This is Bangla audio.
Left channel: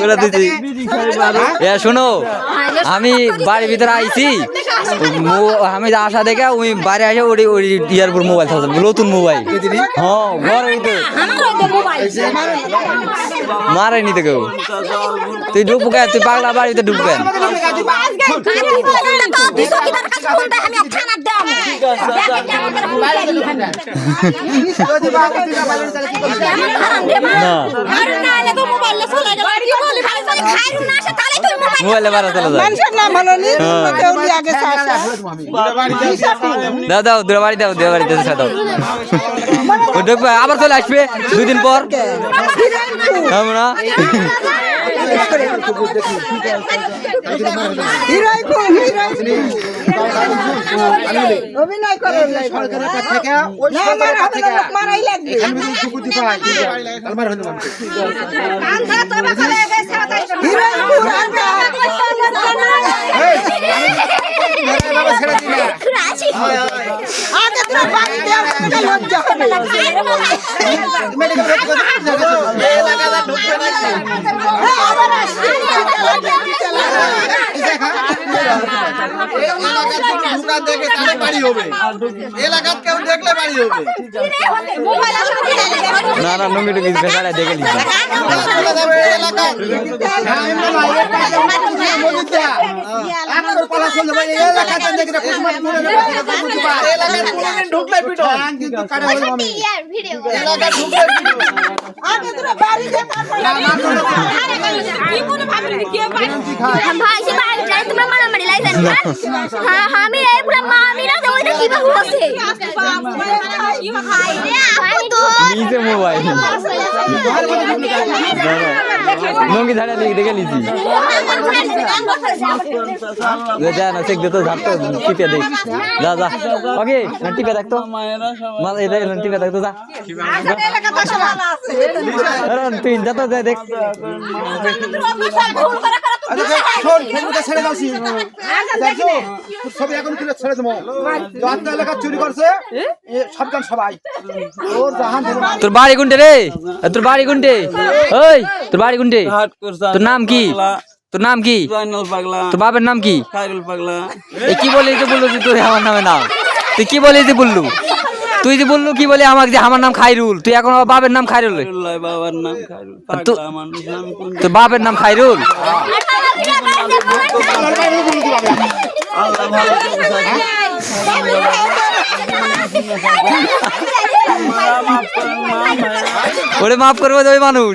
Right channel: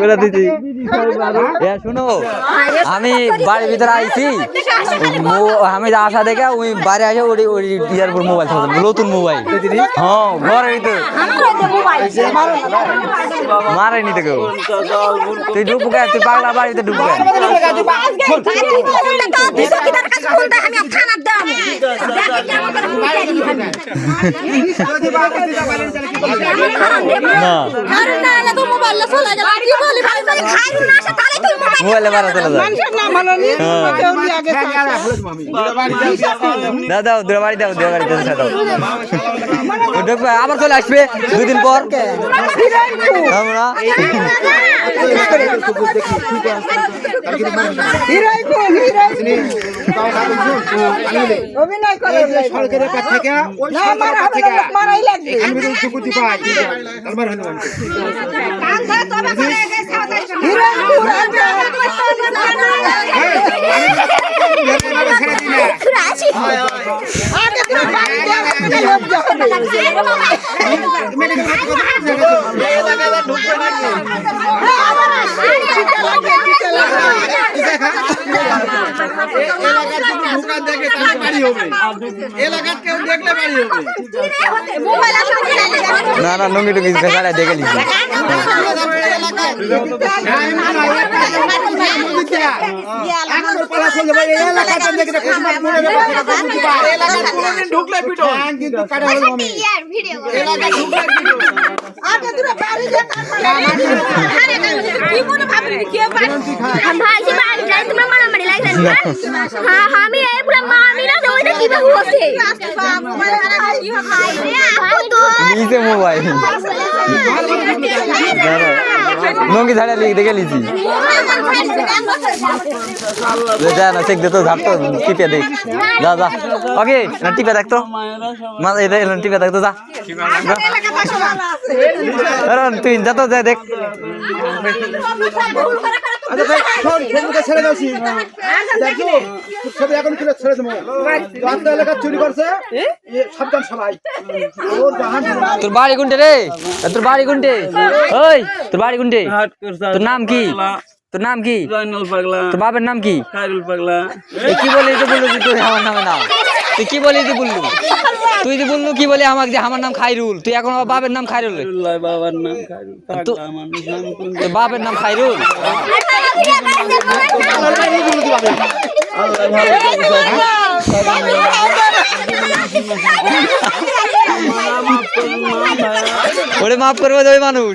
করে দিছি। এ শোনো আমি বাড়ির ভিতরে আইছি। মো- আমি আসা দেখে ওই বাইরে আসে ওই ওই ইয়ার উপর মোবাইল নতুন মোবাইল হ্যাঁ ঘরের ভিতরে মারে নিতে কেউ। তুই ঢুকবো কেন? তুই পাগলা বাড়িতে ঢুকবো কেন? না মোবাইলে বাড়া চলে যায়। মানুষের নাম হলো নি হ্যাঁ। আগে চাষা দাও দাও দূরে বাড়ি দাও দূরে বাড়ি দাও ঢুকবে আবার চলে আসবে দুদিন পর হবে না হিরোই খুব হিরোই অভিনয় করে সরকারের কাছ থেকে না মারা হবে মারাই লাগবে আমি সুকুতি পাই আমার হলো আমি হিরোই খুব আগে আগে তো বাড়ি দেওয়া লোক যাবে এলাকার কেউ দেখলে বাড়ি হবে না না নুঙ্গি টুঙ্গি গাড়ি দেখে নিচ্ছি কিন্তু কারে হলো আমি এলাকা ঢুকলে আগে তোরা বাড়ি দে ভাই সে বাড়ি যাই তোমরা মারামারি লাইছেন হ্যাঁ হ্যাঁ আমি এই পুরো মামিরা তো ওইটা কি বাহু আছে ভাই নিচে মোবাইল নুঙ্গি ঝাড়া লিখে দেখে লিছি। যা না চেক দে তো ঝাড় তো টিপে দে। যা যা। ওকে না টিপে দেখ তো। মা এটা এটা টিপে দেখ তো যা। তুই যা তো যা দেখ। শোন ফেসবুকে ছেড়ে দাওছি দেখছ? সব এখন কিলো ছেড়ে দেবো। যত এলাকা চুরি করছে। সাবধান সবাই। ওর জাহান তোর বাড়ি কোনটে রে? তোর বাড়ি কোনটে? ওই তোর বাড়ি কোনটে? তোর নাম কি? তোর নাম কি? জয়নুল তোর বাপের নাম কি? পাগলা। কি বলি যে বলল তুই আমার নামে না? তুই কি বলি যে বললু তুই যে বললু কি বলে আমাকে যে আমার নাম খাইরুল তুই এখন আমার বাপের নাম খাইরুল বাবার নাম তোর বাপের নাম খাইরুল ওরে মাফ করবে তো ওই মানুষ